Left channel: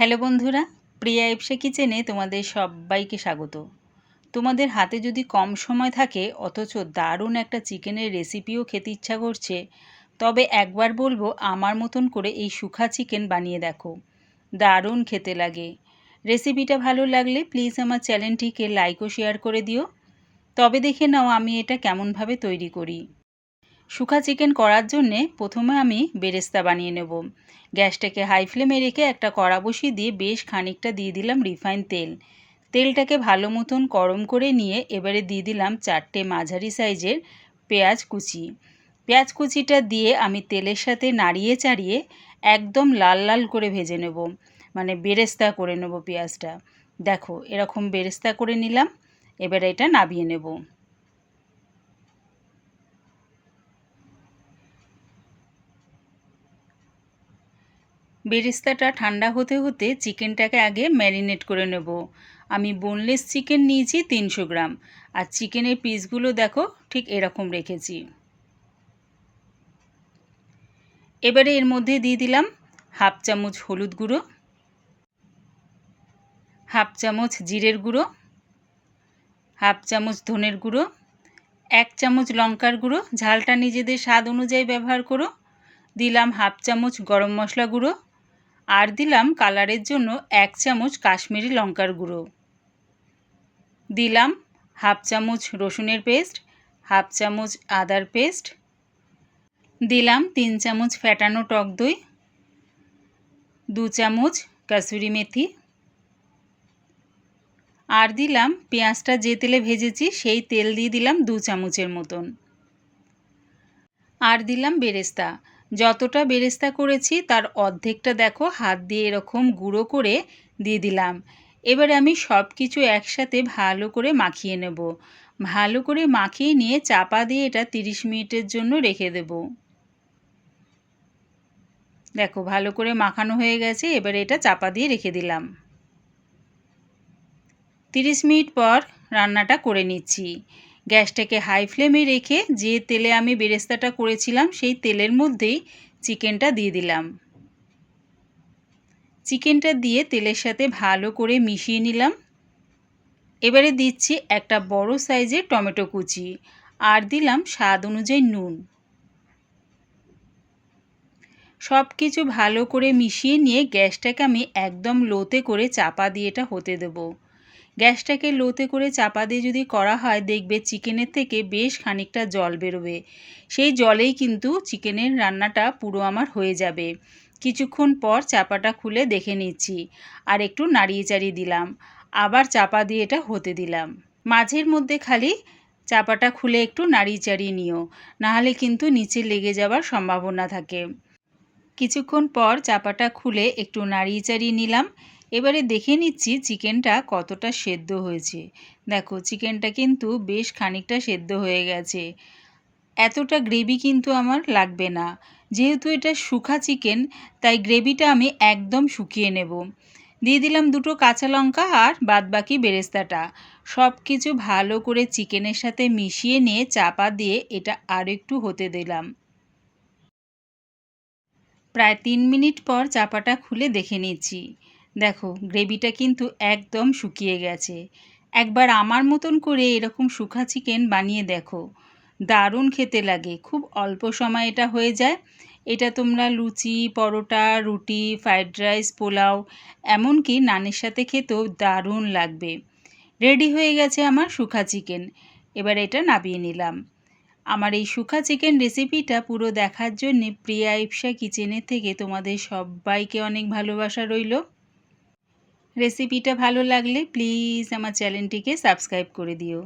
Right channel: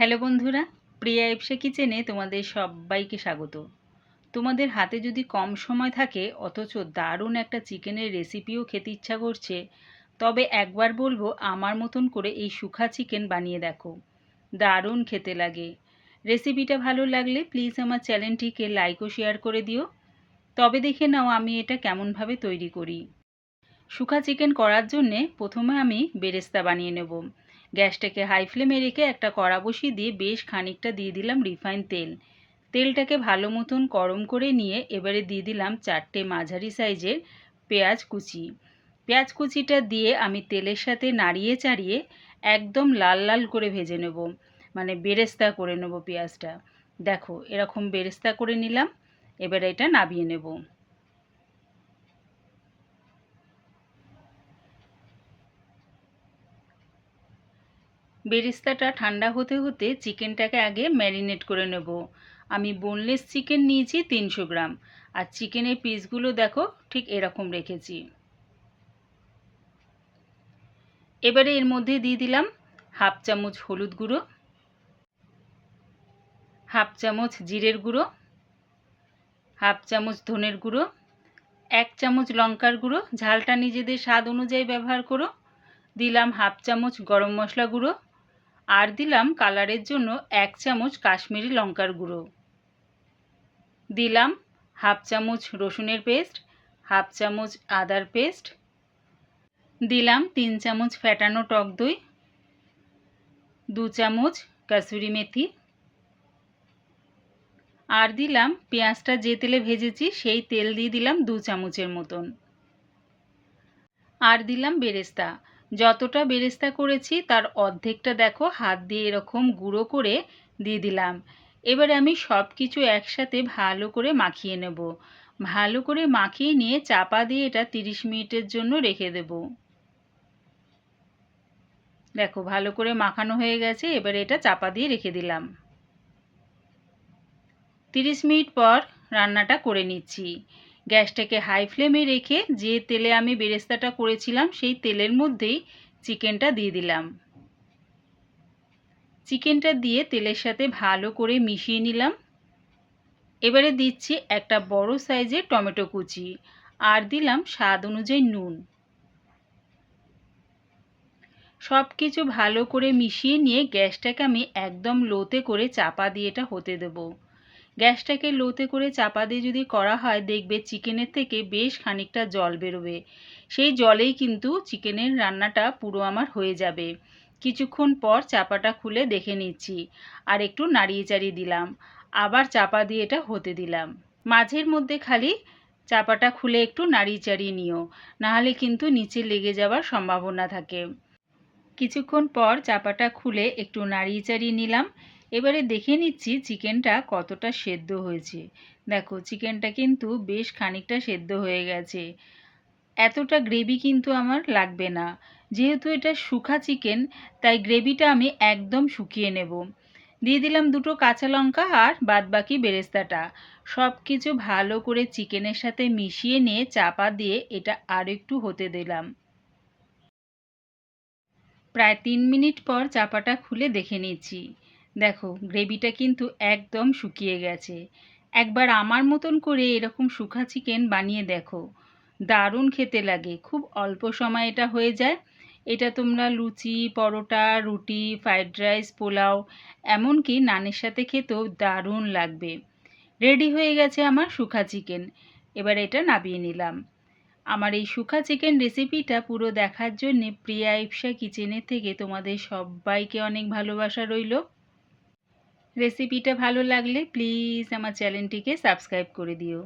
Hello বন্ধুরা, প্রিয়া এপসে কিচেনে তোমাদের সবাইকে স্বাগত। তোমাদের হাতে যদি কম সময় থাকে, অথচ দারুণ একটা চিকেনের রেসিপিও খেতে ইচ্ছা করছে, তবে একবার বলব আমার মতন করে এই সুখা চিকেন বানিয়ে দেখো। দারুণ খেতে লাগে। রেসিপিটা ভালো লাগলে প্লিজ আমার চ্যানেলটিকে লাইক ও শেয়ার করে দিও। তবে দেখে নাও আমি এটা কেমনভাবে তৈরি করি। শুখা চিকেন করার জন্যে প্রথমে আমি বেরেস্তা বানিয়ে নেব। গ্যাসটাকে হাই ফ্লেমে রেখে একটা কড়া বসিয়ে দিয়ে বেশ খানিকটা দিয়ে দিলাম রিফাইন তেল। তেলটাকে ভালো মতন গরম করে নিয়ে এবারে দিয়ে দিলাম চারটে মাঝারি সাইজের পেঁয়াজ কুচি। পেঁয়াজ কুচিটা দিয়ে আমি তেলের সাথে নাড়িয়ে চাড়িয়ে একদম লাল লাল করে ভেজে নেব। মানে বেরেস্তা করে নেব পেঁয়াজটা। দেখো এরকম বেরেস্তা করে নিলাম। এবারে এটা নাবিয়ে নেব। বেরেস্তাটা ঠান্ডা হতে হতে চিকেনটাকে আগে ম্যারিনেট করে নেব। আমি বোনলেস চিকেন নিয়েছি তিনশো গ্রাম। আর চিকেনের পিসগুলো দেখো, ঠিক এরকম রেখেছি। এবারে এর মধ্যে দিয়ে দিলাম হাফ চামচ হলুদ গুঁড়ো, হাফ চামচ জিরের গুঁড়ো, হাফ চামচ ধনের গুঁড়ো, এক চামচ লঙ্কার গুঁড়ো। ঝালটা নিজেদের স্বাদ অনুযায়ী ব্যবহার করো। দিলাম হাফ চামচ গরম মশলা গুঁড়ো আর দিলাম কালারের জন্য এক চামচ কাশ্মীরি লঙ্কার গুঁড়ো। দিলাম হাফ চামচ রসুনের পেস্ট, হাফ চামচ আদার পেস্ট। দিলাম তিন চামচ ফ্যাটানো টক দই, দু চামচ কাসুরি মেথি। আর দিলাম পেঁয়াজটা যে তেলে ভেজেছি সেই তেল দিয়ে দিলাম দু চামচের মতন। আর দিলাম বেরেস্তা। যতটা বেরেস্তা করেছি, তার অর্ধেকটা দেখো হাত দিয়ে এরকম গুঁড়ো করে দিয়ে দিলাম। এবারে আমি সব কিছু একসাথে ভালো করে মাখিয়ে নেব। ভালো করে মাখিয়ে নিয়ে চাপা দিয়ে এটা তিরিশ মিনিটের জন্য রেখে দেব। দেখো ভালো করে মাখানো হয়ে গেছে, এবারে এটা চাপা দিয়ে রেখে দিলাম। তিরিশ মিনিট পর রান্নাটা করে নিচ্ছি। গ্যাসটাকে হাই ফ্লেমে রেখে যে তেলে আমি বেরেস্তাটা করেছিলাম, সেই তেলের মধ্যেই চিকেনটা দিয়ে দিলাম। চিকেনটা দিয়ে তেলের সাথে ভালো করে মিশিয়ে নিলাম। এবারে দিচ্ছি একটা বড় সাইজের টমেটো কুচি আর দিলাম স্বাদ অনুযায়ী নুন। সব কিছু ভালো করে মিশিয়ে নিয়ে গ্যাসটাকে আমি একদম লোতে করে চাপা দিয়ে এটা হতে দেবো। গ্যাসটাকে লোতে করে চাপা দিয়ে যদি করা হয়, দেখবে চিকেনের থেকে বেশ খানিকটা জল বেরোবে। সেই জলেই কিন্তু চিকেনের রান্নাটা পুরো আমার হয়ে যাবে। কিছুক্ষণ পর চাপাটা খুলে দেখে নিচ্ছি আর একটু নাড়িয়ে চাড়িয়ে দিলাম। আবার চাপা দিয়ে এটা হতে দিলাম। মাঝের মধ্যে খালি চাপাটা খুলে একটু নাড়িয়ে চাড়িয়ে নিও, নাহলে কিন্তু নিচে লেগে যাওয়ার সম্ভাবনা থাকে। কিছুক্ষণ পর চাপাটা খুলে একটু নাড়িয়ে চাড়িয়ে নিলাম। এবারে দেখে নিচ্ছি চিকেনটা কতটা সেদ্ধ হয়েছে। দেখো, চিকেনটা কিন্তু বেশ খানিকটা সেদ্ধ হয়ে গেছে। এতটা গ্রেভি কিন্তু আমার লাগবে না। যেহেতু এটা শুখা চিকেন, তাই গ্রেভিটা আমি একদম শুকিয়ে নেব। দিয়ে দিলাম দুটো কাঁচা লঙ্কা আর বাদবাকি বেরেস্তাটা। সব কিছু ভালো করে চিকেনের সাথে মিশিয়ে নিয়ে চাপা দিয়ে এটা আর একটু হতে দিলাম। প্রায় তিন মিনিট পর চাপাটা খুলে দেখে নিচ্ছি। দেখো, গ্রেভিটা কিন্তু একদম শুকিয়ে গেছে। একবার আমার মতন করে এরকম শুখা চিকেন বানিয়ে দেখো। দারুণ খেতে লাগে, খুব অল্প সময় এটা হয়ে যায়। এটা তোমরা লুচি, পরোটা, রুটি, ফ্রাইড রাইস, পোলাও, এমনকি নানের সাথে খেতেও দারুণ লাগবে। রেডি হয়ে গেছে আমার শুখা চিকেন। এবার এটা নাবিয়ে নিলাম। আমার এই শুখা চিকেন রেসিপিটা পুরো দেখার জন্যে প্রিয়া ইপসা কিচেনের থেকে তোমাদের সবাইকে অনেক ভালোবাসা রইল। রেসিপিটা ভালো লাগলে প্লিজ আমার চ্যানেলটিকে সাবস্ক্রাইব করে দিও।